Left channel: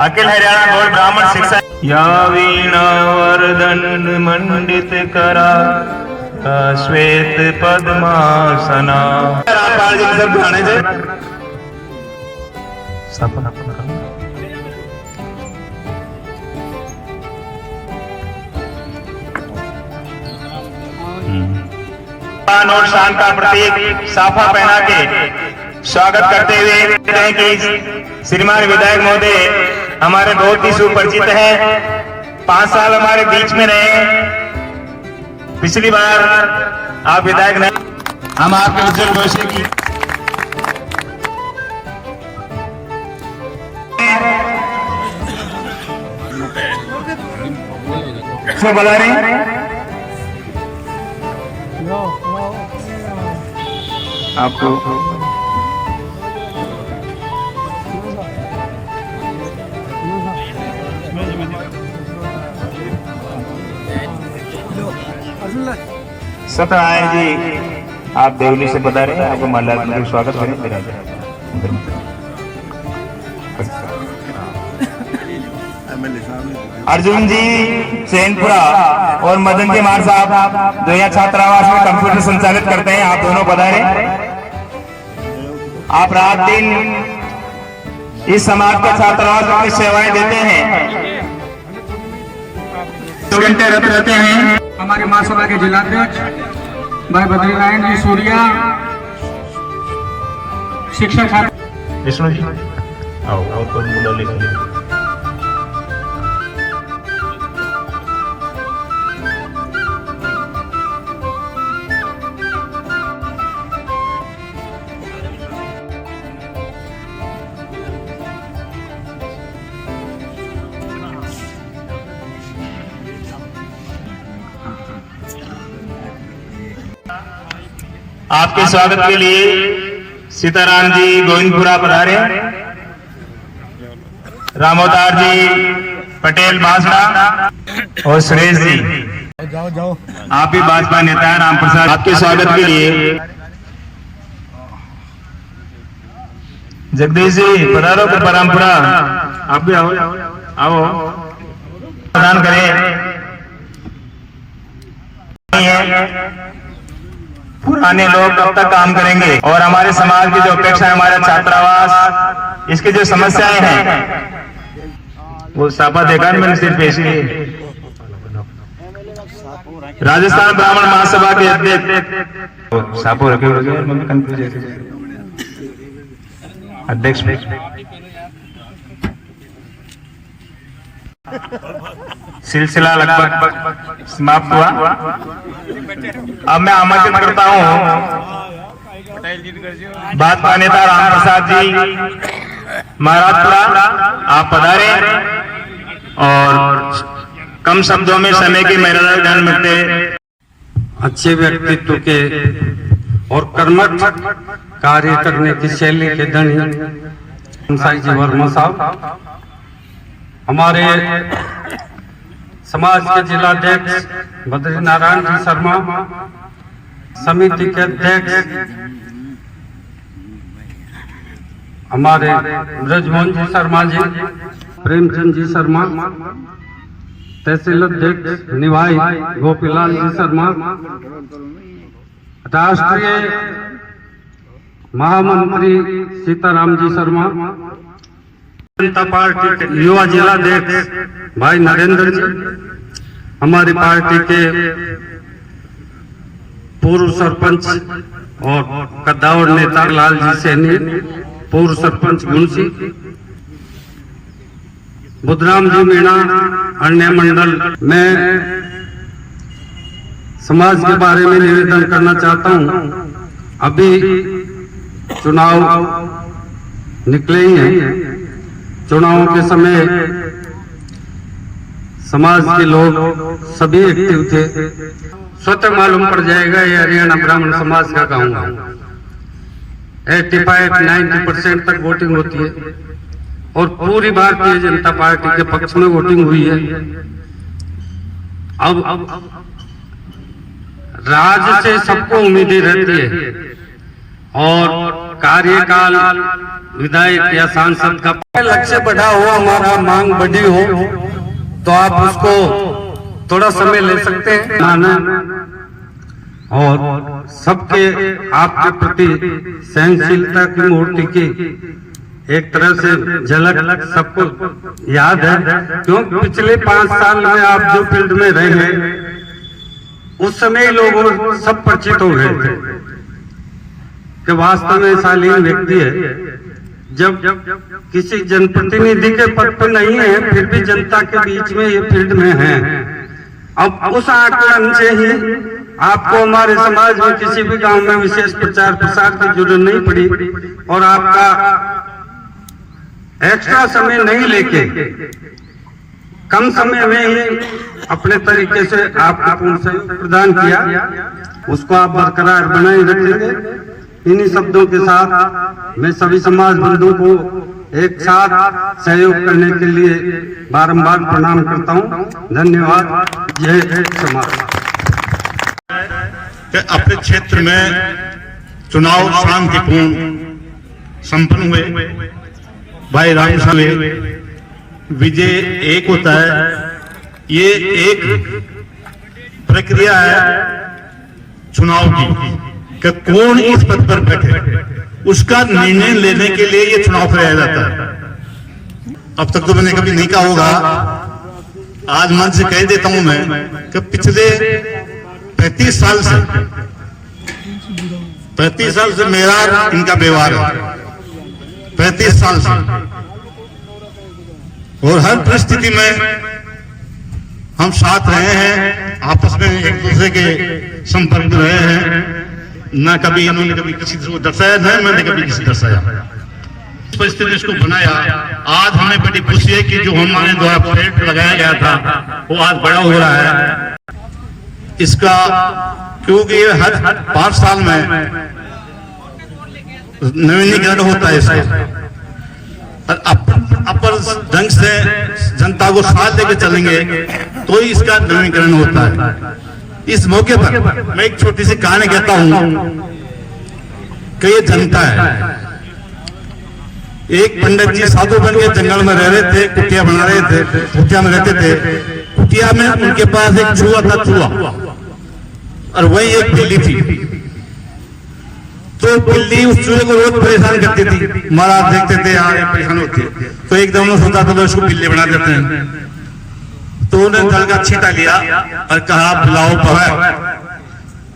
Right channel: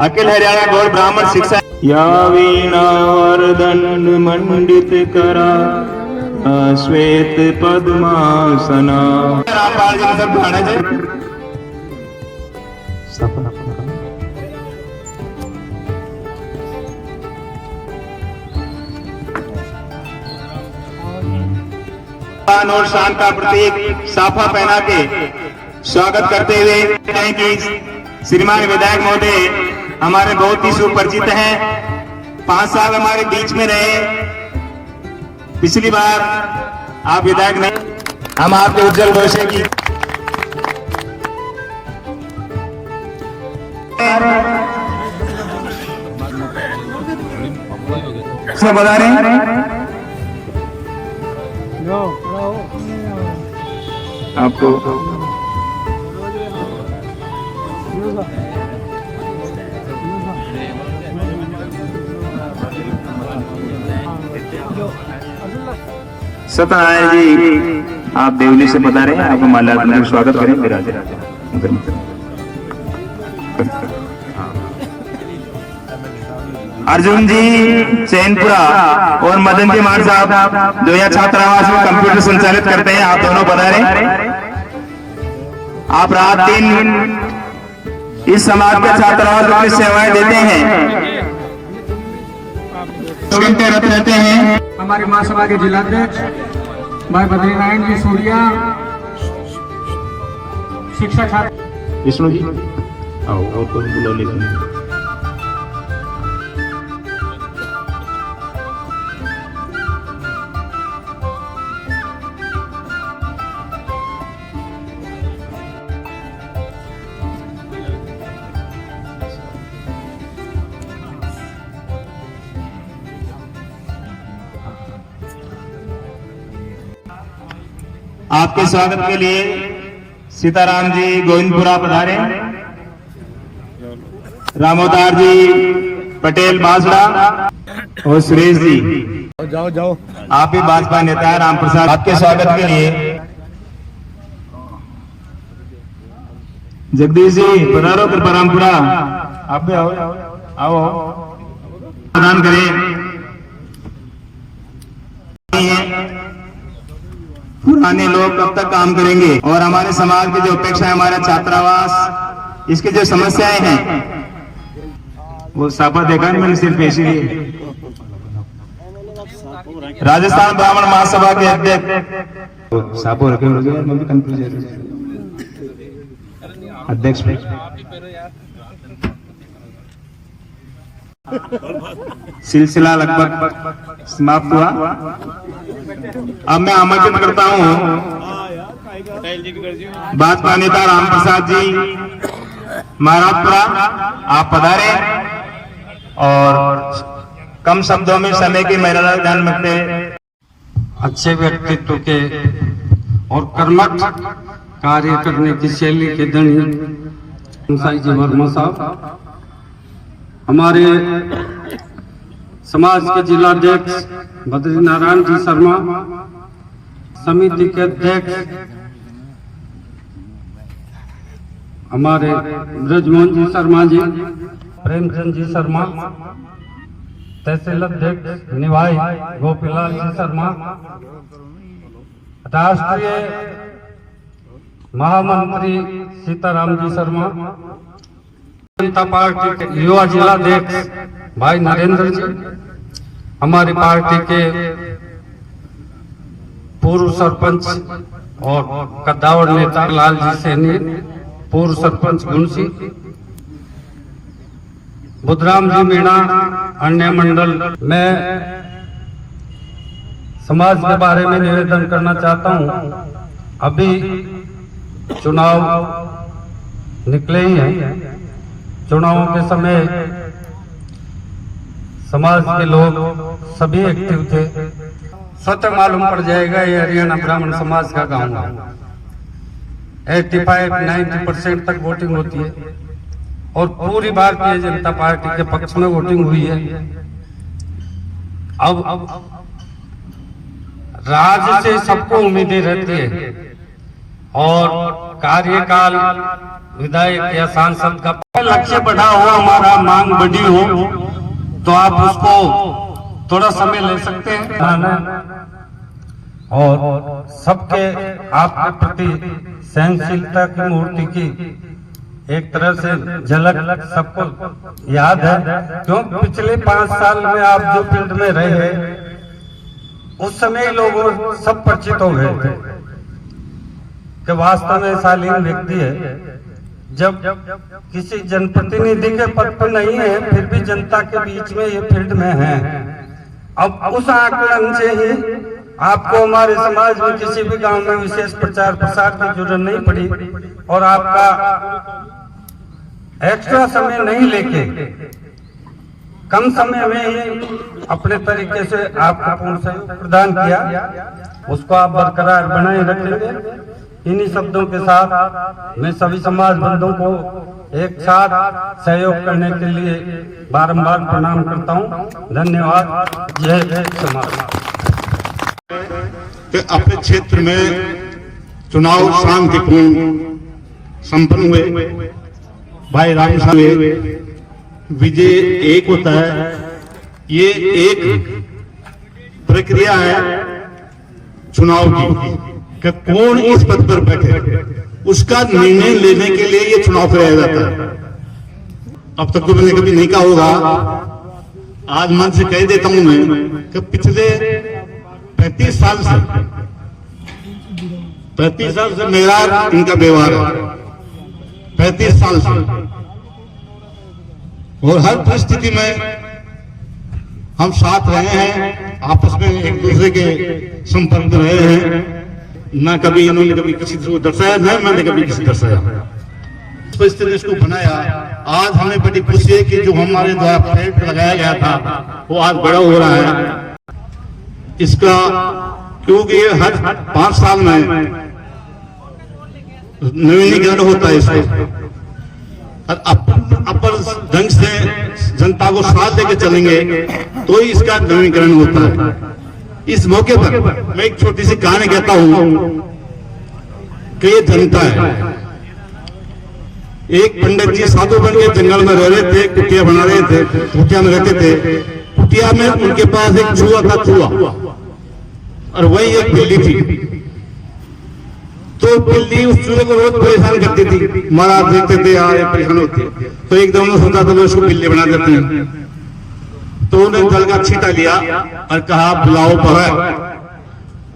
अखिल हरियाणा गौड़ ब्राह्मण शिक्षा या वीणा वरदंड मंडित करा श्वेत पद्मासना रामपाल जी सब गाने से और शान का प्रतीक साफा पहना के स्वागत करते हुए हैं कि श्रीमान विधायक महोदय हमारे बहुत ही सुपरिचित है। 5 साल हमारे बीच में रहे। पिछली बार आप विधायक ने हम आपके उज्जवल भविष्य की बता रहे आपको सत्यनारायण जी आप देवली से बता रहे हैं। आपको माल्यार्पण स्वागत करें। विराज अर्जुन जी चैनपुरा और मदन जी मार साहब जो यहाँ छात्रावास में कंप्यूटर संचालित करते हैं, आप दोनों पधारे। आप रात दिन इस समाज के छात्रावास में अपनी सेवाएं देते हैं, रहते हैं। हमारे महासभा के जिलाध्यक्ष भाई बद्रीनारायण जी सूर्या, शिक्षक छात्र विष्णु जी आपके स्वागत के लिए सीताराम जी गोविंदपुरा पधारे। रामोदार जी पटेल बांसड़ा और सुरेश जी जाओ आप भी भाजपा नेता है। राम प्रसाद आपके स्वागत के लिए जगदीश जी पधारो कर परंपरा आप भी आओ आओ प्रदान करें। पुराने लोग कब तक काम करेंगे और हमारे समाज की जो अपेक्षा है, हमारे छात्रावास इसकी जो समस्याएं हैं वो साफा देखा मैंने सिर्फ ऐसी राजस्थान ब्राह्मण महासभा के अध्यक्ष सापो रखे अध्यक्ष सिलसिला लगभग समाप्त हुआ। अब मैं आमंत्रित करता हूं भाजपा नेता राम प्रसाद जी महाराजपुरा, आप पधारे और कम शब्दों में समय की मर्यादा ध्यान रखते अच्छे व्यक्तित्व के और कर्मठ कार्य करने की शैली के धनी साई जी वर्मा साहब, हमारे समाज के जिलाध्यक्ष बद्रीनारायण जी शर्मा, समिति के अध्यक्ष हमारे ब्रजमोहन जी शर्मा जी, प्रेमचंद जी शर्मा, तहसील अध्यक्ष निभाई गोपीलाल जी शर्मा, राष्ट्रीय महामंत्री सीताराम जी शर्मा, जनता पार्टी के युवा जिलाध्यक्ष भाई नरेंद्र जी, हमारी पार्टी के पूर्व सरपंच और कद्दावर नेता लाल जी सैनी, पूर्व सरपंच गुणसी, बुधराम जी मीणा, अन्य मंडल। मैं समाज के बारे में निवेदन करना चाहता हूं। अभी चुनाव निकले ही हैं। चुनावों के समय समाज के लोग सभी एक्टिव थे। स्वतः मालूम पड़ जाएगा ये हरियाणा ब्राह्मण समाज का गांव है। 85-90% तक वोटिंग होती है और पूरी भारतीय जनता पार्टी के पक्ष में वोटिंग हुई है। अब राज्य से सबको उम्मीदें रहती है और कार्यकाल विधायक या सांसद का लक्ष्य बढ़ा हो, हमारा मांग बढ़ी हो, तो आप उसको थोड़ा समय ले सकते हैं और सबके आपके प्रति सहनशीलता की मूर्ति की एक तरह से झलक सबको याद है। क्यों पिछले 5 साल में आप जो फील्ड में रहे उस समय लोग सब परिचित हो गए थे कि वास्तव में शालीन व्यक्ति है। जब किसी जनप्रतिनिधि के पद पर नहीं है फिर भी जनता के बीच में ये फील्ड में है। अब उस आकलन से ही आपको हमारे समाज में किसी भी गांव में विशेष प्रचार प्रसार की जरूरत नहीं पड़ी और आपका एक्स्ट्रा समय नहीं लेके कम समय में ही अपने तरीके से आपको पूर्ण सहयोग प्रदान किया, उसको आप बरकरार बनाए रखेंगे। इन्हीं शब्दों के साथ मैं सभी समाज बंधुओं को एक साथ सहयोग करने के लिए बारंबार प्रणाम करता हूं। धन्यवाद। जय समाज। अपने क्षेत्र में चुनाव शांतिपूर्ण संपन्न हुए, भाई राम हुए, विजय एक होता है। ये एक प्रक्रिया है चुनाव की कि कौन इस पद पर बैठे, उसका निर्णय लेने के लिए ये चुनाव कराया जाता है। अब तक तो मैंने कभी नहीं कहा होगा, आज मन से कह देता हूं मैं कि पिछले 35 साल से मेरा इनका व्यवहार है, 35 साल से, और हर परिस्थिति में हम साथ रहे हैं, आपस में एक दूसरे के संपर्क में रहे हैं। ना कभी इन्होंने कभी किसी को दर्शाया, न मैंने कभी किसी दर्शाया। इस परिस्थिति इसको बनाया। आज हमें बड़ी खुशी है कि जो हमारे द्वारा फ्लैट लगाया गया था वो आज बड़ा हो रहा है इसका, क्योंकि ये हर 5 साल में नवीनीकरण होता है इसका। अपर ढंग से जनता को साथ लेकर चलेंगे तो ही इसका नवीनीकरण होता है। इस मौके पर मैं एक छोटी सी कहानी कहता हूं कि ये जनता है। एक पंडित जी साधु बन के जंगल में रह रहे थे, कुटिया बना रहे थे, कुटिया में रहते थे। कुटिया में उनके पास एक चूहा था, चूहा, और वही एक बिल्ली थी। तो बिल्ली उस चूहे को बहुत परेशान करती थी। महाराज देखते थे यार परेशान होती है, तो एक दम सोचा तो उसको बिल्ली बना देते हैं। तो उन्होंने जल का छींटा लिया और कहा बिलाओ बहा,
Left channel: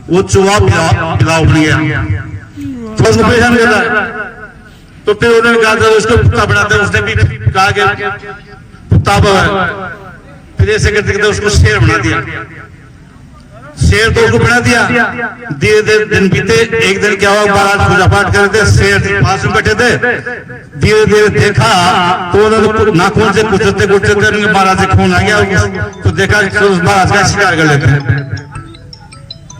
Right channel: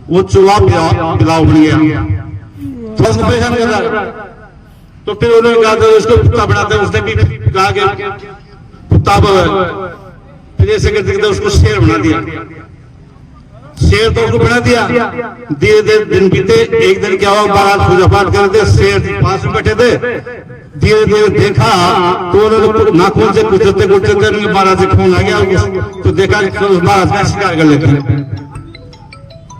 वो चूहा बिलाओ बन गया, तो परेशान कर रहा है। तो फिर उन्होंने कहा उसको कुत्ता बनाते, उसने भी कहा कि कुत्ता बहा। फिर ऐसे करते करते उसको शेर बना दिया। शेर तो उसको बना दिया। धीरे धीरे दिन बीते। एक दिन क्या हुआ, महाराज पूजा पाठ कर रहे थे, शेर पास में बैठे थे। धीरे धीरे देखा तो उन्होंने नाखून से कुचलते कुचलते महाराज से खून आ गया। तो देखा महाराज का शिकार कर लेते हैं।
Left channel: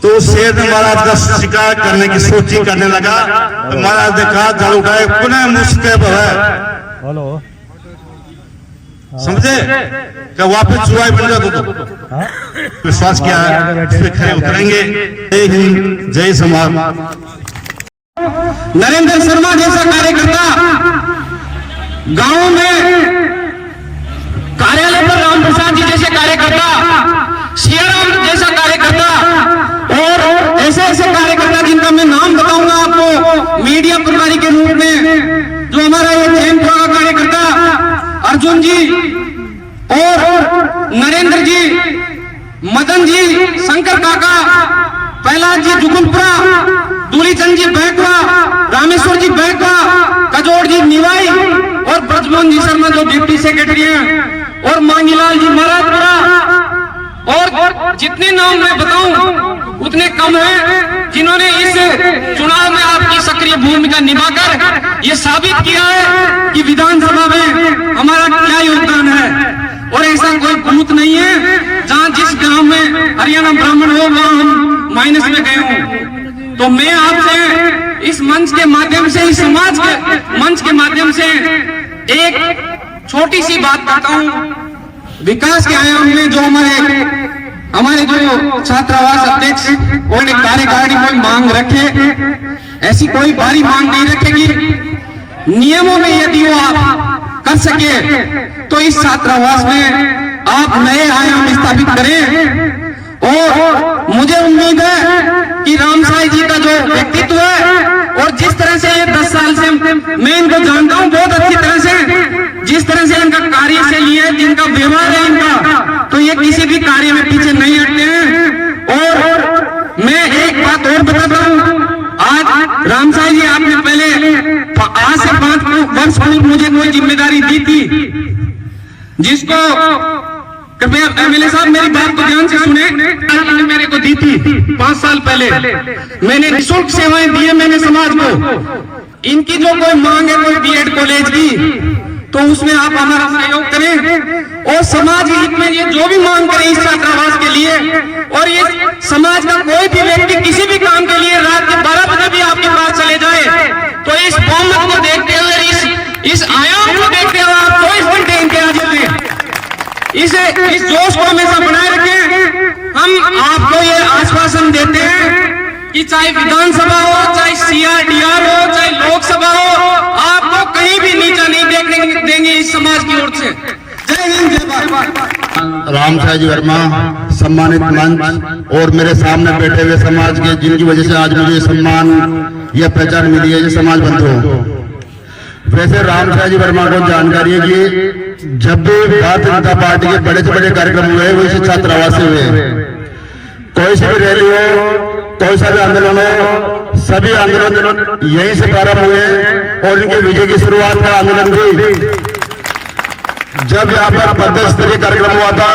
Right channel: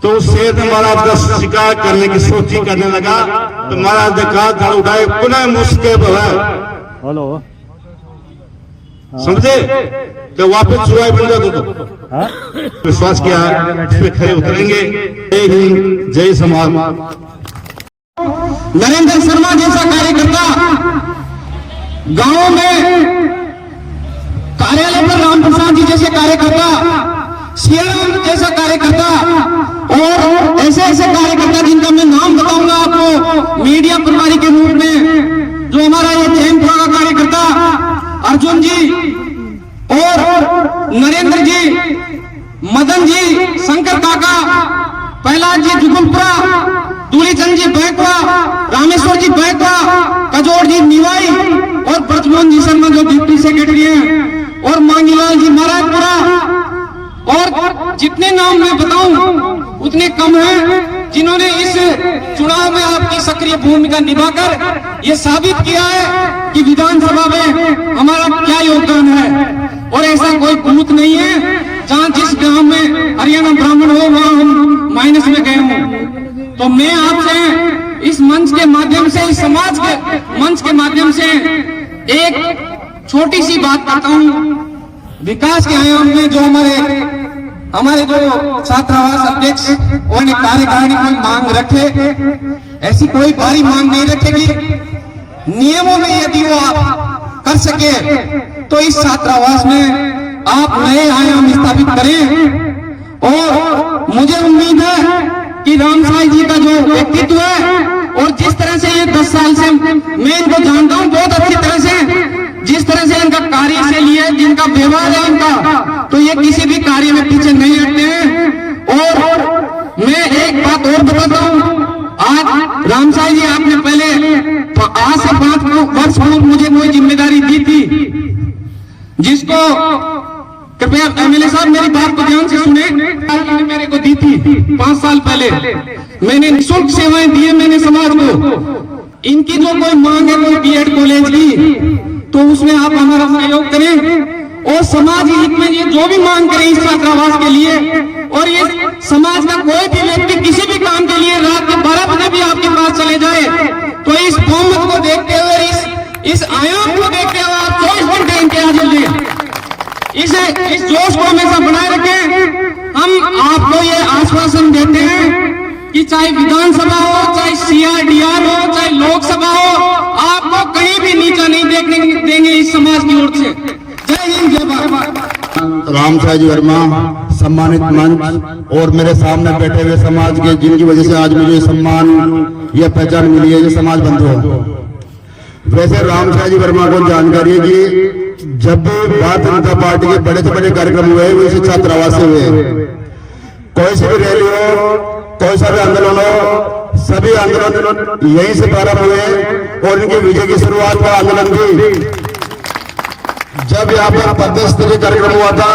तो शेर ने महाराज का शिकार करने की सोची करने लगा। तो महाराज ने कहा झाड़ू उठाए, पुनः मुश्किल है, समझे, क्या वापस चुराई मिल जाता तो विश्वास किया इस पे खड़े उतरेंगे। जय हिंद, जय समाज। नरेंद्र शर्मा जैसा कार्यकर्ता गांव में, कार्यालय पर राम प्रसाद जी जैसे कार्यकर्ता, सियाराम जैसा कार्यकर्ता, और ऐसे ऐसे कार्यकर्ता जिनका मैं नाम बताऊंगा आपको मीडिया प्रभारी के रूप में, जो हमारा ये जैन का कार्यकर्ता अर्जुन जी और नरेंद्र जी, मदन जी, शंकर काका, प्रहलाद जी जुगुलपुरा, दूलीचंद जी बैकवा, रामेश्वर जी बैकवा, कजोड़ जी निवाई और ब्रजमोहन जी शर्मा जो डिप्टी सेक्रेटरी हैं, और मांगीलाल जी महाराजपुरा, और जितने नाम मैं बताऊं उतने कम हैं, जिन्होंने इस चुनाव में आपकी सक्रिय भूमिका निभाकर ये साबित किया है कि विधानसभा में हमारा क्या योगदान है। और ऐसा कोई बूथ नहीं है जहां जिस गांव में हरियाणा ब्राह्मण हो वहां हम माइनस में गए हों। तो मैं आपसे इस मंच के माध्यम से, इस समाज के मंच के माध्यम से एक छोटी सी बात करता हूं। विकास के आयाम में जो हमारे हमारे जो छात्रावास अध्यक्ष उन्होंने कार्यकारिणी कोई मांग रखे, ऐसी कोई भारी मांग नहीं रखेगी। नियमों में यदि वो आप कर सके तो इस छात्रावास में आप नए आयाम स्थापित करें। और मुझे उम्मीद है कि राम साई जी का जो व्यक्तित्व है और जिस तरह से ये 10 साल से मैं इनको जानता हूँ बहुत अच्छी तरह से, जिस तरह से इनका कार्यशैली है, जिनका व्यवहार है इनका, तो ये किसी भी कार्य में पीछे नहीं हटते हैं। और मैं एक बात और बताता हूँ, आज राम साई जी आपने पहले आज से 5 वर्ष पूर्व मुझे कोई जिम्मेदारी दी थी, जिसको कृपया एमएलए साहब मेरी बात को ध्यान से सुने, मेरे को दी थी 5 साल पहले। मैंने निःशुल्क सेवाएं दी है मैंने समाज को। इनकी जो कोई मांग है कोई बीएड कॉलेज की, तो उसमें आप हमारा सहयोग करें और समाज हित में ये जो भी मांग करें इस छात्रावास के लिए, और ये समाज का कोई भी व्यक्ति किसी भी काम के लिए रात के 12 बजे भी आपके पास चले जाए, तो इस बहुमत को देखते हुए, इस आयाम को देखते हुए आप 24 घंटे इंतजार दें। इस जोश को हमेशा बनाए रखें। हम आपको ये आश्वासन देते हैं कि चाहे विधानसभा हो, चाहे सीआरडीआर हो, चाहे लोकसभा हो, आपको कहीं भी नीचा नहीं देखने देंगे इस समाज की ओर से। जय हिंद, जय भारत। राम साई जी वर्मा सम्मानित मंच और मेरे सामने बैठे हुए समाज के, जिनकी वजह से आज मुझे सम्मान या पहचान मिली है, ये समाज बंधु। वैसे राम साई जी वर्मा को जानकारी है कि जब भी भारतीय जनता पार्टी के बड़े से बड़े कार्यक्रम हुए वो इसी छात्रावास से हुए। कोई सी भी रैली हो, कोई सा भी आंदोलन हो, सभी आंदोलन यहीं से प्रारंभ हुए और इनके विजय की शुरुआत का आंदोलन भी जब यहाँ पर प्रदेश स्तरीय कार्यक्रम हुआ था,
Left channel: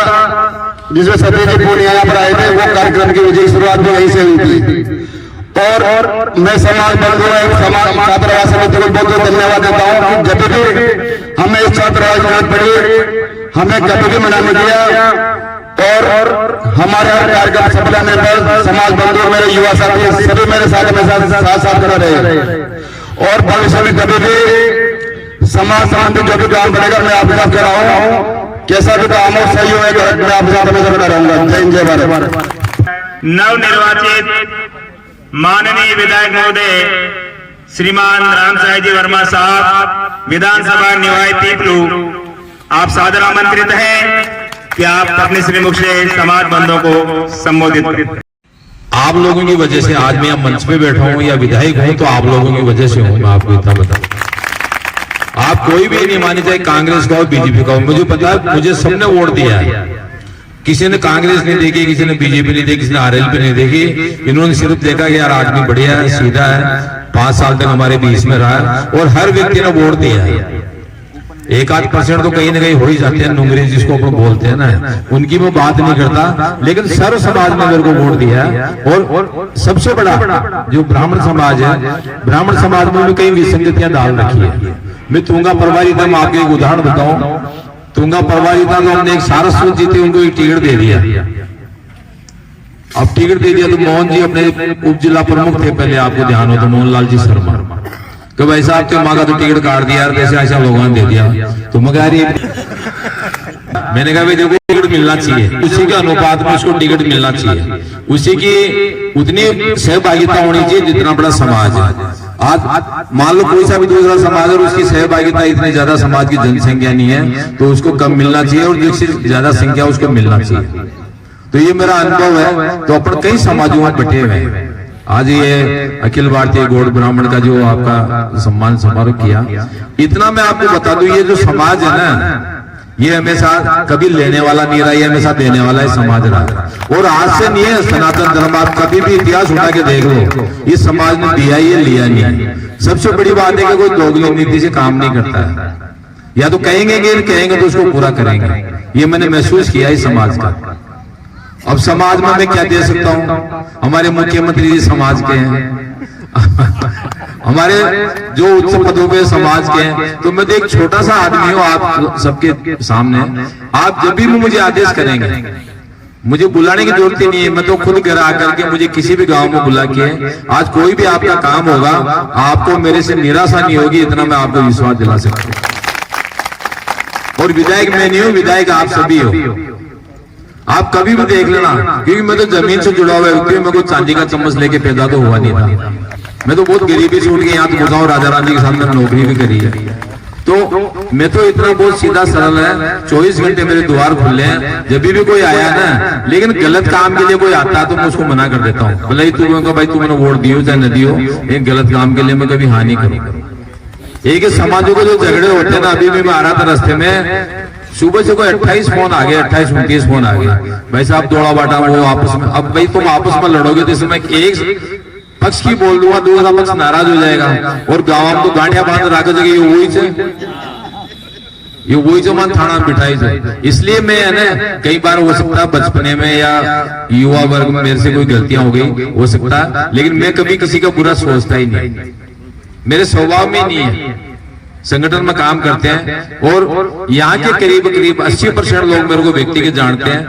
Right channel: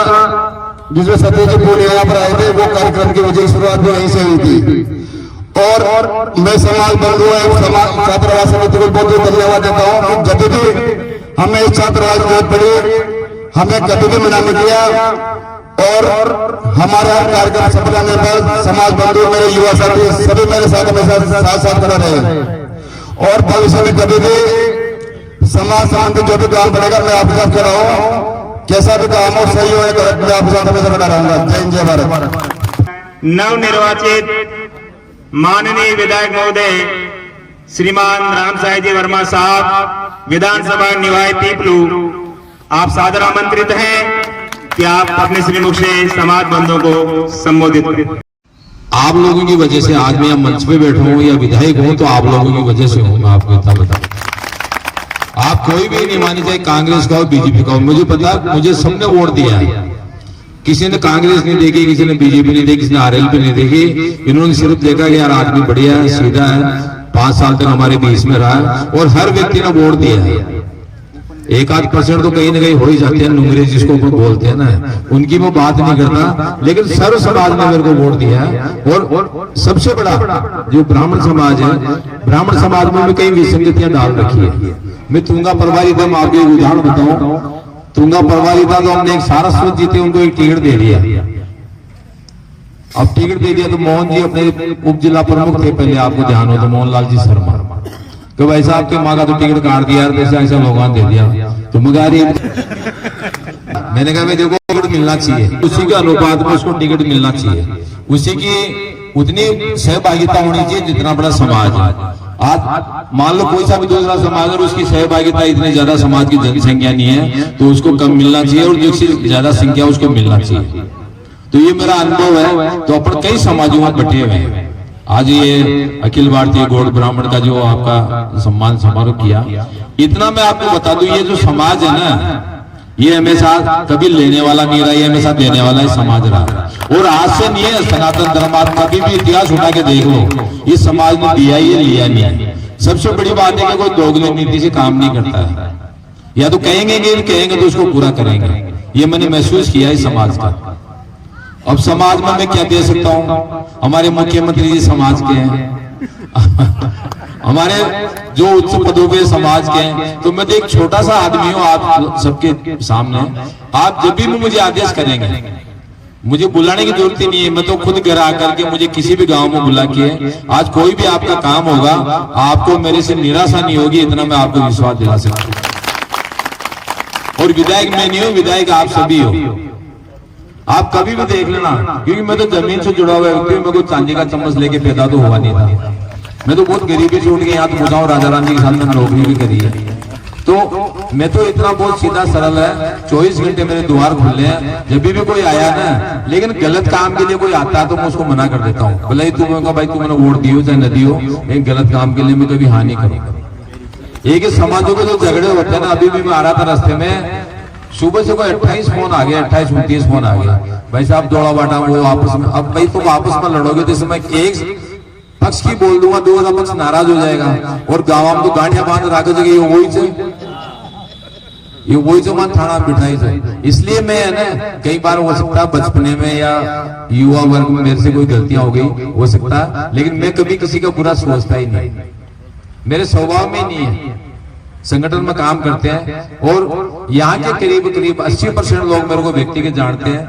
जिसमें सत्यजीत पूनिया यहाँ पर आए थे, वो कार्यक्रम की विजय की शुरुआत भी यहीं से हुई थी। और मैं समाज बंधु छात्रावास समिति को बहुत बहुत धन्यवाद देता हूँ कि जब भी हमें इस छात्रावास में जरूरत पड़ी, हमें कभी भी मना नहीं किया और हमारे हर कार्यक्रम सफल होने पर समाज बंधु, मेरे युवा साथी सभी मेरे साथ साथ खड़ा रहे। और भविष्य में कभी भी समाज संबंधी जो भी काम करेगा मैं आपके साथ खड़ा हूँ, कैसा भी काम हो, सही होगा, मैं आपके साथ हमेशा खड़ा रहूंगा। जय हिंद, जय भारत। नवनिर्वाचित माननीय विधायक महोदय श्रीमान राम साई जी वर्मा साहब, विधानसभा निवाय पीपलू, आप सादर आमंत्रित हैं कि आप अपने श्रीमुख से समाज बंधुओं को संबोधित करें। आप लोगों की वजह से आज मैं मंच पे बैठा हूं या विधायक हूं, तो आप लोगों की वजह से हूं। मैं आपको इतना बताऊं, आप कोई भी नहीं माने, चाहे कांग्रेस का हो, बीजेपी का हो, मुझे पता है, मुझे सबने वोट दिया है। किसी ने कांग्रेस नहीं देखी, किसी ने बीजेपी नहीं देखी, किसी ने आरएलपी नहीं देखी। इन्होंने सिर्फ देखा कि यार आदमी बढ़िया है, सीधा है, 5 साल तक हमारे बीच में रहा है, और हर व्यक्ति ने वोट दिया है। 1-8% तो कहीं ना कहीं हो ही जाते हैं, नुंगरी जिसको अपन बोलते हैं ना, उनकी मैं बात नहीं करता, लेकिन सर्व समाज ने मेरे को वोट दिया है। और सबसे बड़ा जो ब्राह्मण समाज है, ब्राह्मण समाज में भी कई विसंगतियां डाल रखी है। मैं तुंगा परवारी था, मैं आपको एक उदाहरण बताऊं। तुंगा परवारी था तो हमने एक सारस्वत जी थे, उनको एक टिकट दे दिया। अब टिकट दे दिया तो मोहन जी अपने उप जिला प्रमुख थे, पहले आपको ध्यान हो तो मोहनलाल जी शर्मा, कि भाई साहब के मांगा तो टिकट काट दिया, ऐसे ऐसा लोगों ने दे दिया। तो मगर मैंने कहा भाई देखो टिकट मिलना चाहिए, उसी के अनुपात में उसको टिकट मिलना चाहिए, उसी की उतनी सहभागिता होनी चाहिए जितना बड़ा समाज है। आज मान लो कोई सा भी दूसरा समाज और उसकी सहभागिता इतनी ज्यादा समाज की जनसंख्या नहीं है, तो उसको कम मिलना चाहिए, और जिससे ज्यादा संख्या उसको मिलना चाहिए। तो ये मेरा अनुभव है। तो अपन कई समाजों में बटे हुए हैं। आज ये अखिल भारतीय गौड़ ब्राह्मण का जो आपका सम्मान समारोह किया, इतना मैं आपको बता दूं, ये जो समाज है ना, ये हमेशा कभी लेने वाला नहीं रहा, ये हमेशा देने वाला ही समाज रहा है। और आज से नहीं है, सनातन धर्म, आप कभी भी इतिहास उठा के देख लो, ये समाज ने दिया ये लिया नहीं। सबसे बड़ी बात है कि कोई दोगली नीति से काम नहीं करता है, या तो कहेंगे तो उसको पूरा करेंगे। ये मैंने महसूस किया इस समाज का। अब समाज में मैं क्या दे सकता हूँ? हमारे मुख्यमंत्री जी समाज के हैं हमारे जो उच्च पदों पे समाज के हैं, तो मैं तो एक छोटा सा आदमी हूँ आप सबके सामने। आप जब भी मुझे आदेश करेंगे, मुझे बुलाने की जरूरत ही नहीं है, मैं तो खुद घर आकर के मुझे किसी भी गांव में बुला के आज कोई भी आपका काम होगा, आपको मेरे से निराशा नहीं होगी, इतना मैं आपको विश्वास दिला सकता हूँ। और विधायक मैं नहीं हूँ, विधायक आप सभी हो। आप कभी भी देख लेना, क्योंकि मैं तो जमीन से जुड़ा हुआ व्यक्ति हूं, मैं कोई चांदी का चम्मच लेके पैदा तो हुआ नहीं था। मैं तो बहुत गरीबी से उठ के यहाँ तो बताऊं, राजा रानी के साथ मैंने नौकरी भी करी है। तो मैं तो इतना बहुत सीधा सरल है, 24 घंटे मेरे द्वार खुले हैं। जब भी कोई आया ना, लेकिन गलत काम के लिए कोई आता है तो मैं उसको मना कर देता हूँ। भले ही तू भाई तू मैंने वोट दियो चाहे न दियो, लेकिन गलत काम के लिए मैं कभी हानि करूंगा। एक समाजों के जो झगड़े होते हैं ना, अभी भी मैं आ रहा था रास्ते में, सुबह से कोई 28 फोन आ गया, 28-29 फोन आ गया। भाई साहब दौड़ा बाटा वो आपस में, अब भाई तुम आपस में लड़ोगे तो इसमें एक पक्ष की बोल दूंगा, दूसरा पक्ष नाराज हो जाएगा। और गाँव में तो गांठिया बांध रखो जगह ये वही जो मन थाना बिठाई जाए। इसलिए मैं है ना, कई बार हो सकता बचपने में या युवा वर्ग में मेरे से कोई गलतियां हो गई हो सकता, लेकिन मैं कभी किसी का बुरा सोचता ही नहीं, मेरे स्वभाव में नहीं है। संगठन में काम करते हैं और यहाँ के करीब 80% लोग मेरे को व्यक्तिगत जानते हैं।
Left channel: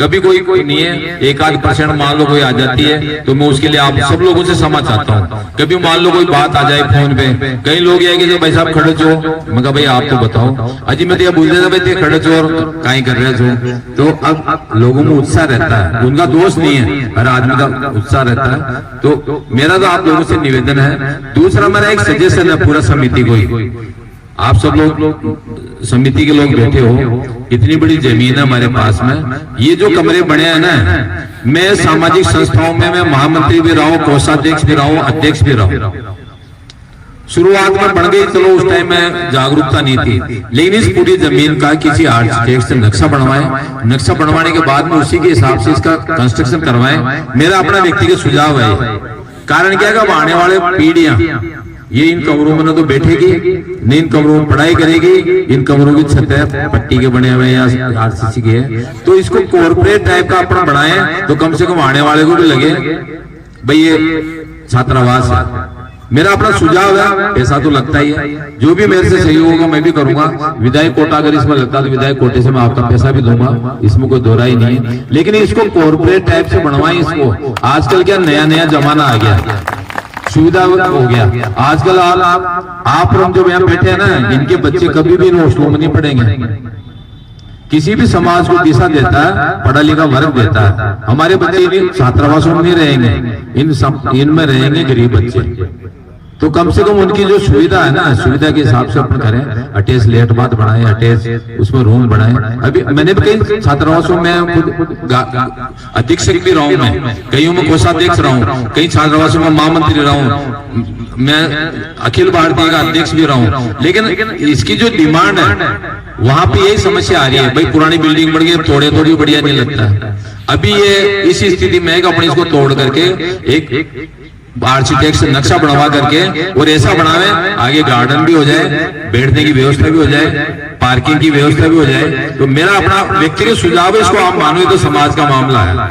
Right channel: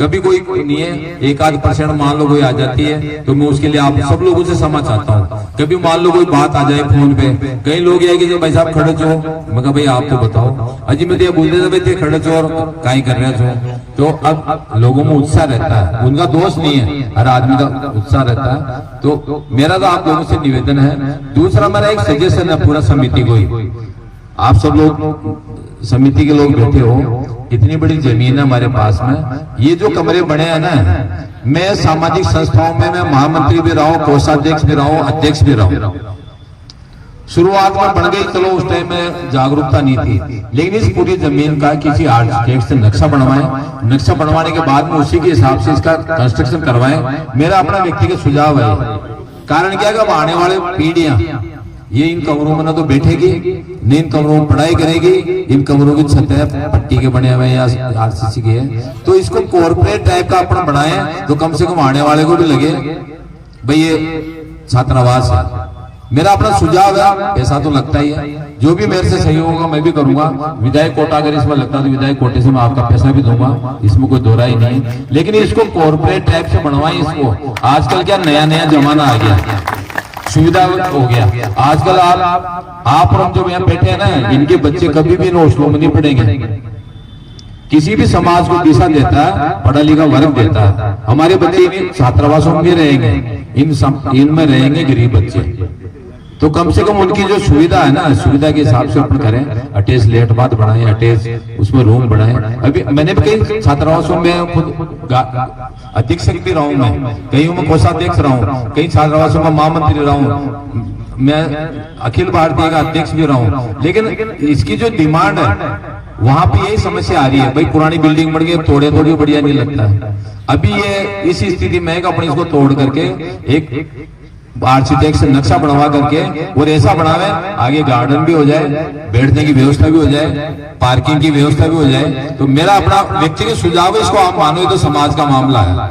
कभी कोई नहीं है, 1-8% मान लो कोई आ जाती है तो मैं उसके लिए आप सब लोगों से क्षमा चाहता हूँ। कभी मान लो कोई बात आ जाए फोन पे, कई लोग ये कि भाई साहब खड़े चो, मैं कहा भाई आप तो बताओ, अजी मैं तो बोलते थे भाई खड़े चो और कहीं कर रहे छो। तो अब लोगों में उत्साह रहता है, उनका दोष नहीं है, हर आदमी का उत्साह रहता है। तो मेरा तो आप लोगों से निवेदन है। दूसरा मेरा एक सजेशन है पूरा समिति को, आप सब लोग समिति के लोग बैठे हो, इतनी बड़ी जमीन है हमारे पास में, ये जो कमरे बने हैं ना, मैं सामाजिक संस्थाओं में मैं महामंत्री भी रहा हूं, कोषाध्यक्ष भी रहा हूं, अध्यक्ष भी रहा हूं। शुरुआत में बन गई, चलो उस टाइम में जागरूकता नहीं थी, लेकिन इस पूरी जमीन का किसी आर्किटेक्ट से नक्शा बनवाए, नक्शा बनवाने के बाद में उसी के हिसाब से इसका कंस्ट्रक्शन करवाए। मेरा अपना व्यक्तिगत सुझाव है। कारण क्या है, आने वाले पीढ़ियां ये इन कमरों में ना तो बैठेगी, न इन कमरों में पढ़ाई करेगी, इन कमरों की छतें पट्टी के बने हुए या आरसीसी के है, तो इसको कॉर्पोरेट टाइप का अपना बनाए तो कम से कम आने वाले को भी लगे भाई ये छात्रावास है। मेरा अपना सुझाव है, पैसा तो लगता ही है, जो भी मेरे से सही होगा मैं भी करूंगा। विधायक कोटा अगर इसमें लगता तो विधायक कोटे से मैं आपका पैसा भी दूंगा, इसमें कोई दोहरा ही नहीं है। लेकिन इसको कॉर्पोरेट टाइप से बनवाए। इसको आजकल क्या नया जमाना आ गया, सुविधा हो गया। आजकल आप और हम जो यहाँ बैठे हैं ना, इनके बच्चे कभी भी हॉस्टलों में नहीं पढ़ेंगे। किसी भी समाज को दिशा देता है, पढ़ा लिखा वर्ग देता है। हमारे बच्चे इन छात्रावासों में रहेंगे, इनमें रहेंगे गरीब बच्चे। तो कम से कम उनकी जो सुविधा है ना, सुविधा के हिसाब से अपन करें। अटैच लेट बात बनाए, अटैच उसमें रूम बनाए। अभी मैंने भी कई छात्रावासों में खुद अधीक्षक भी रहा हूं, मैं कईयों में कोषाध्यक्ष रहा हूं, कई छात्रावासों में महामंत्री रहा हूं, मैं अखिल भारतीय का अध्यक्ष भी रहा हूं। लेकिन इसकी जो डिमांड है वहां पे यही समस्या आ रही है, भाई पुरानी बिल्डिंग बन गई, तोड़े थोड़ी बढ़िया नहीं लगता है। अभी ये इस स्थिति में है कि अपन इसको तोड़ करके एक आर्किटेक्ट से नक्शा बनवा करके और ऐसा बनावे, आगे गार्डन भी हो जाए, बैठने की व्यवस्था भी हो जाए, पार्किंग की व्यवस्था भी हो जाए। तो मेरा अपना व्यक्तिगत सुझाव है, इसको आप मानो तो समाज का मामला है,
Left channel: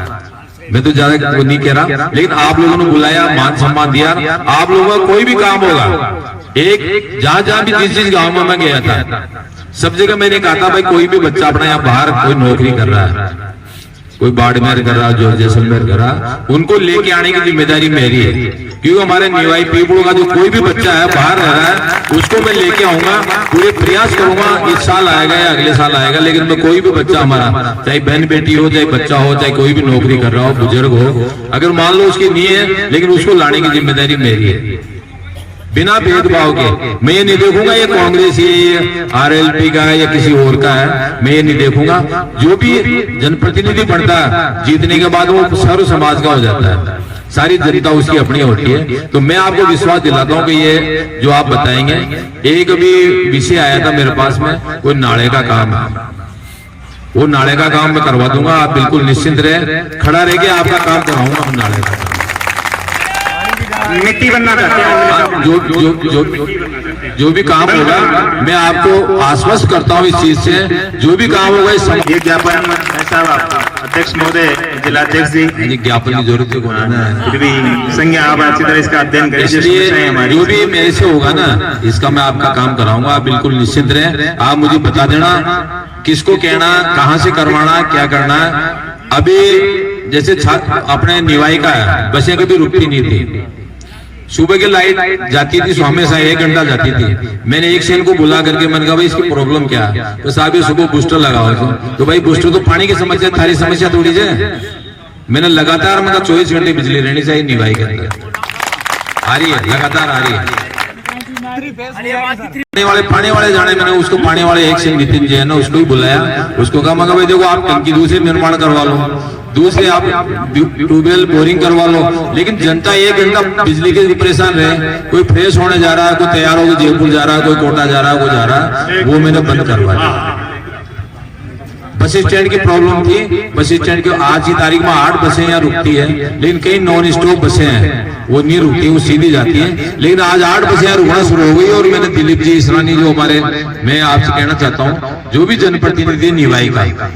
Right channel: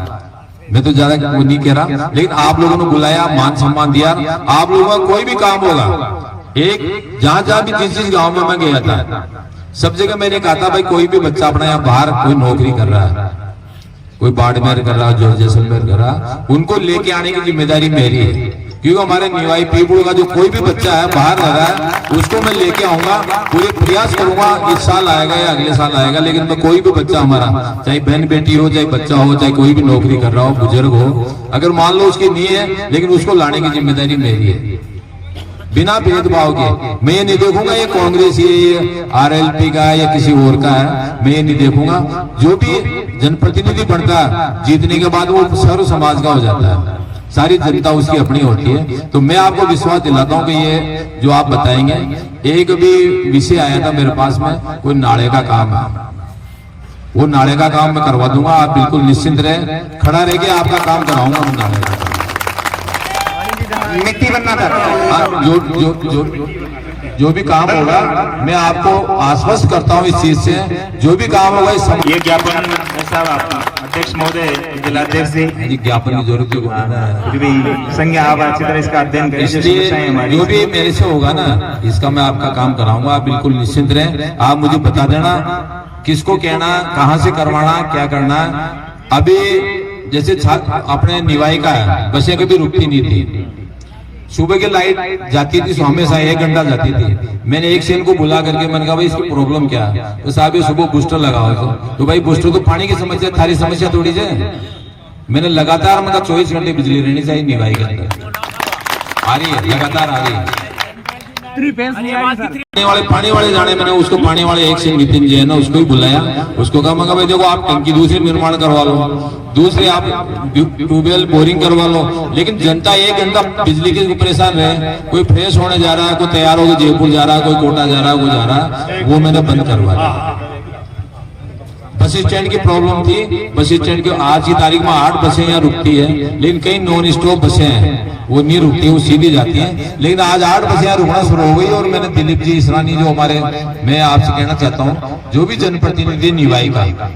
मैं तो ज्यादा वो नहीं कह रहा। लेकिन आप लोगों ने बुलाया, मान सम्मान दिया, आप लोगों का कोई भी काम होगा, एक जहां भी जिस गांव में मैं गया था, सब जगह मैंने कहा था भाई कोई भी बच्चा अपना यहाँ बाहर कोई नौकरी कर रहा है, कोई बाड़मेर कर रहा, जो जैसलमेर कर रहा, उनको लेके आने की जिम्मेदारी मेरी है। क्योंकि हमारे निवाई पीपल का जो कोई भी बच्चा है बाहर रह रहा है, उसको मैं लेके आऊंगा, पूरे प्रयास करूंगा। इस साल आएगा या अगले साल आएगा, लेकिन मैं कोई भी बच्चा हमारा, चाहे बहन बेटी हो, चाहे बच्चा हो, चाहे कोई भी नौकरी कर रहा हो, बुजुर्ग हो, अगर मान लो उसकी नहीं है, लेकिन उसको लाने की जिम्मेदारी मेरी है, बिना भेदभाव के। मैं ये नहीं देखूंगा ये कांग्रेस ये आरएलपी का है या किसी और का है, मैं ये नहीं देखूंगा। जो भी जनप्रतिनिधि बनता है, जीतने के बाद वो सर्व समाज का हो जाता है, सारी जनता उसकी अपनी होती है। तो मैं आपको विश्वास दिलाता हूं कि ये जो आप बताएंगे, एक भी विषय आया था मेरे पास में, कोई नाले का काम है, वो नाले का काम मैं करवा दूंगा। आप बिल्कुल निश्चिंत रहे, खड़ा रह के आपका काम कराऊंगा मैं नाले का। मिट्टी बनना चाहते हैं, जो भी काम होगा मैं आपको आश्वस्त करता हूँ इस चीज से, जो भी काम होगा इस ये ज्ञापन अध्यक्ष महोदय, जिलाध्यक्ष जी, ज्ञापन की जरूरत है, फिर भी संज्ञा आप अच्छी तरह इसका अध्ययन करें। इसलिए जो भी मेरे से होगा ना, इसका मैं आपका काम कराऊंगा। आप बिल्कुल निश्चिंत रहें, आप मुझे बता देना किसको कहना, कहाँ से करवाना, क्या करना है। अभी जैसे अपने निवाई का है, बसें कभी रुकती नहीं थी, सुबह की लाइट जाती थी, हमेशा 1 घंटा जाती थी। मैंने एक सेन को बुला करके मैंने कहा भाई इसकी प्रॉब्लम क्या है? तो साहब ये सुबह बूस्टर लगाओ। तो भाई बूस्टर तो पानी की समस्या, थारी समस्या थोड़ी है। मैंने लगातार मतलब 24 घंटे बिजली रहनी चाहिए निभाई के अंदर, आ रही है, लगातार आ रही है। पानी वाले जाने, मैंने उसको पानी वाले एक सिंह नितिन जी है ना, उसको ही बुलाया। उसको कहा मगर भाई देखो आप टंकी दूसरी निर्माण करवा लो, दूसरे आप ट्यूबवेल बोरिंग करवा लो, लेकिन जनता 1 घंटा बिजली के परेशान है। कोई फ्रेश होने जा रहा है, कोई तैयार होकर जयपुर जा रहा है, कोई कोटा जा रहा है, कोई जा रहा है, वो मैंने बंद करवाया। बस स्टैंड की प्रॉब्लम थी। बस स्टैंड की आज की तारीख में 8 बसें यहाँ रुकती है, लेकिन कई नॉन स्टॉप बसें हैं, वो नहीं रुकती, वो सीधी जाती हैं। लेकिन आज 8 बसें यहाँ रुकना शुरू हो गई। और मैंने दिलीप जी इसरानी जो हमारे, मैं आपसे कहना चाहता हूँ जो भी जनप्रतिनिधि निभाई का,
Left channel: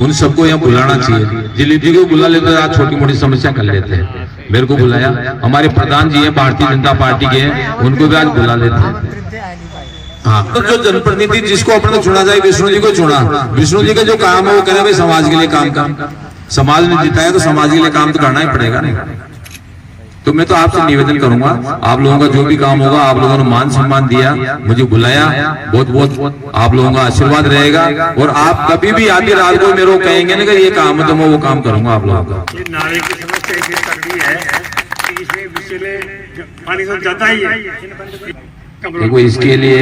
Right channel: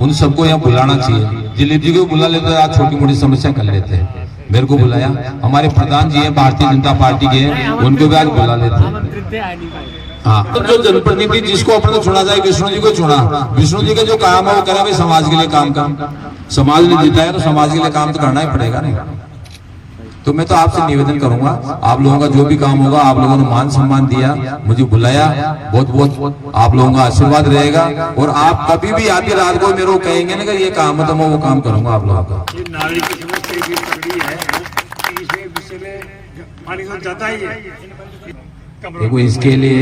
उन सबको यहाँ बुलाना चाहिए। दिलीप जी को बुला लेते हैं, आज छोटी मोटी समस्या कर लेते हैं। मेरे को बुलाया, हमारे प्रधान जी हैं भारतीय जनता पार्टी के हैं, उनको भी आज बुला लेते हैं। हाँ, तो जो जनप्रतिनिधि जिसको अपने चुना जाए, विष्णु जी को चुना। विष्णु जी का जो काम है वो करे भाई समाज के लिए काम। समाज ने जिताया तो समाज के लिए काम तो करना ही पड़ेगा ना। तो मैं तो आपसे निवेदन करूंगा, आप लोगों का जो भी काम होगा, आप लोगों ने मान सम्मान दिया, मुझे बुलाया, बहुत बहुत आप लोगों का आशीर्वाद रहेगा। और आप कभी भी आधी रात को मेरे को कहेंगे ना कि ये काम है, तो मैं वो काम करूंगा आप लोगों का। नारे की समस्या ये तक है कि इसमें बिजली पानी तो जाता ही है। देखो इसके लिए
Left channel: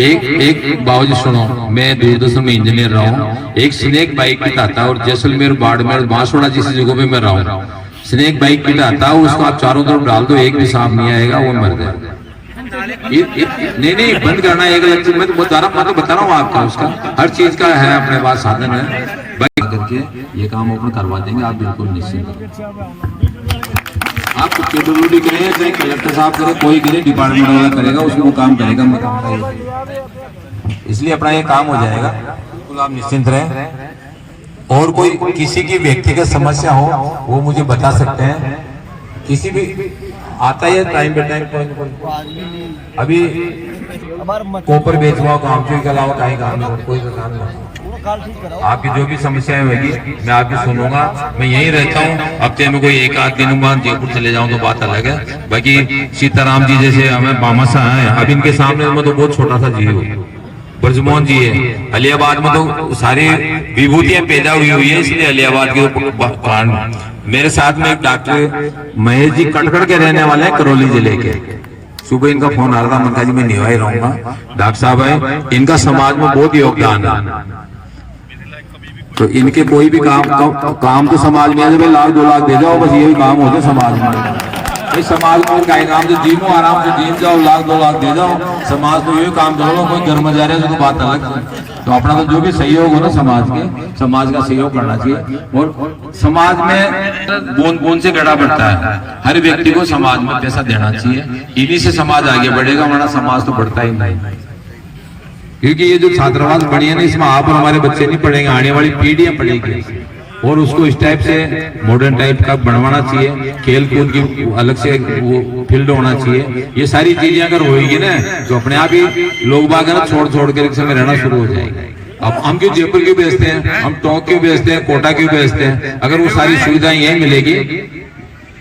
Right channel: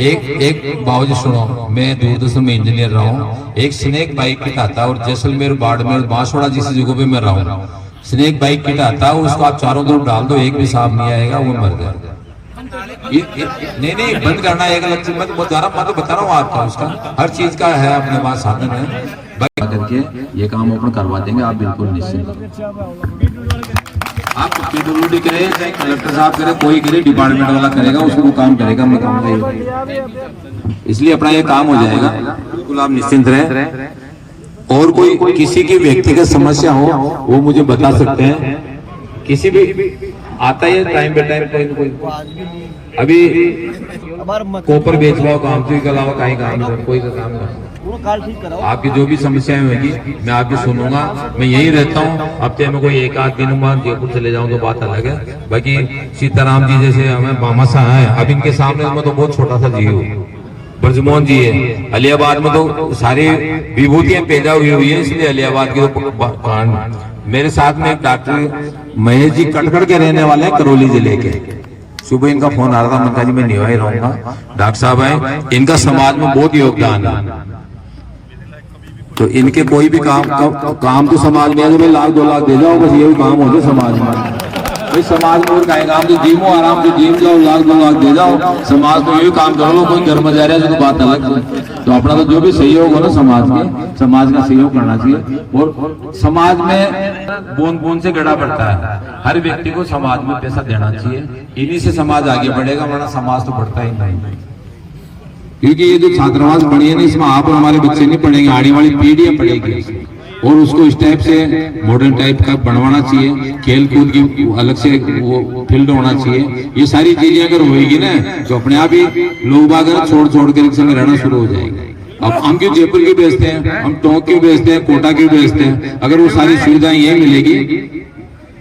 एक बाबूजी सुनो, मैं दूरदर्शन में इंजीनियर रहा हूँ। एक स्नेक बाइक किट आता है, और जैसलमेर, बाड़मेर, बांसवाड़ा जैसी जगहों पे मैं रहा हूँ, स्नेक बाइक किट आता है, उसको आप चारों तरफ डाल दो, एक भी सांप नहीं आएगा, वो मर जाएगा। नहीं बंद करना एक अलग चीज। मैं तो बता रहा हूँ आपका, उसका हर चीज का है अपने पास साधन है। करके ये काम ओपन करवा देंगे, आप बिल्कुल निश्चिंत। आप PWD करें चाहे कलेक्टर साहब करे, कोई करे, डिपार्टमेंट वाला करेगा, उसको वो काम करेगा। मैं कहूँगा इसलिए अपना ये काम हो जाएगा, बिल्कुल आप निश्चिंत रहे। और कोई किसी की व्यक्तिगत समस्या हो वो मुझे बता सकते हैं। किसी भी आता है टाइम पे टाइम अभी कोपर बेचवाओ काम के अलावा कहीं काम नहीं, कोई काम नहीं। आपकी जो भी समस्याएं होगी मैं आपकी सुनूंगा। मैं यही रहता हूँ, हफ्ते में कोई 1-8 दिन बाद जयपुर चले जाऊं तो बात अलग है। बाकी सीताराम जी जैसे हमें मामा सा है, अब इनके सामने में तो बहुत छोटा सा जी हूँ। ब्रजमोहन जी है, अलियाबाद में तो सारी विभूतियां पैदा हुई है, इसलिए अलियाबाद के कारण। मेरे साथ में एक डॉक्टर महेश जी कटखड़ के रहने वाले हैं, करौली जिले के। सुबह इनका फोन आ रहा था, मैं जी मैं निभाई रहूंगा। डॉक्टर साहब है, इनका समाज में बहुत योगदान है, तो इनके कोई भी काम तो समाज में 1 लाख 2 लाख दे जाओ, बस ये भी काम हो जाए समाज में। इस समाज में और कहीं काम तो जीवो आराम से जीव जाओ, 1 लाख 2 लाख दे जाओ, समाज को यही काम करो। कोई घर में जा रहा है तो बात अलग है। तो अपना तो जो भी सहयोग हो ना समाज में, समाज का सहयोग करना चाहिए। और समाज में बूंद बूंद से गड़ा बढ़ता है, हर व्यक्ति को समाज में पैसा देना चाहिए, इन्हीं से समाज आगे बढ़ेगा, वरना समाज तो बढ़ता ही नहीं। क्योंकि ये जो छात्रावास बनी है ना, इसमें आप और हमारे बच्चे नहीं पढ़ेंगे, आने वाली पीढ़ियां पढ़ेगी। और उसको इस टाइप से मॉडर्न टाइप का बनवाना चाहिए, खेल कूद की अलग से वो फील्ड होना चाहिए। ये सारी चीजें अगर होगी ना तो अपने आप ही लोग बाग छोड़ के एक संग रहना शुरू हो जाएंगे। अब हम क्यों जयपुर क्यों बेचते हैं, हम टोंक क्यों बेचते हैं, कोटा क्यों बेचते हैं? अगर वो सारी सुविधाएं यही मिलेगी।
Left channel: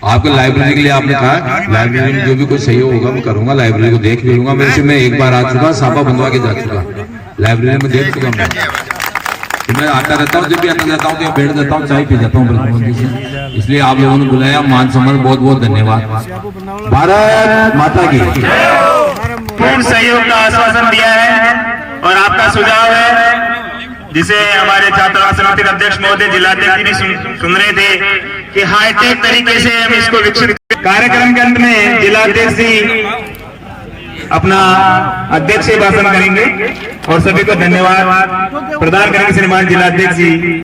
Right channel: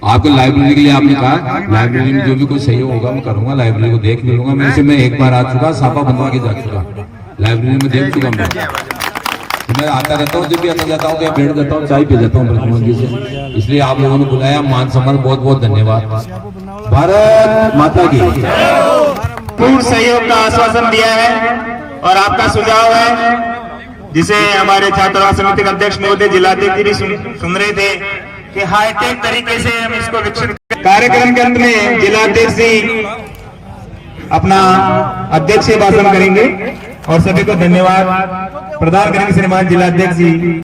आपको लाइब्रेरी के लिए आपने कहा, लाइब्रेरी में जो भी कोई सहयोग होगा मैं करूंगा, लाइब्रेरी को देख भी लूंगा। मैं एक बार आ चुका, साफा बंधवा के जा चुका, लाइब्रेरी में देख चुका मैं आता रहता हूँ। जब भी आता जाता हूँ तो बैठ जाता हूँ, चाय पी जाता हूँ ब्रह्मोहन जी से। इसलिए आप लोगों ने बुलाया, मान सम्मान बहुत बहुत धन्यवाद। भारत माता की पूर्ण सहयोग का आश्वासन दिया है। और आपका सुझाव है, जिसे हमारे छात्रावास समिति के अध्यक्ष महोदय, जिलाध्यक्ष जी भी सुन रहे थे कि हाईटेक तरीके से हम इसको विकसित। कार्यक्रम के अंत में जिलाध्यक्ष जी अपना अध्यक्षीय भाषण करेंगे और सभी को धन्यवाद प्रदान करेंगे। श्रीमान जिलाध्यक्ष जी।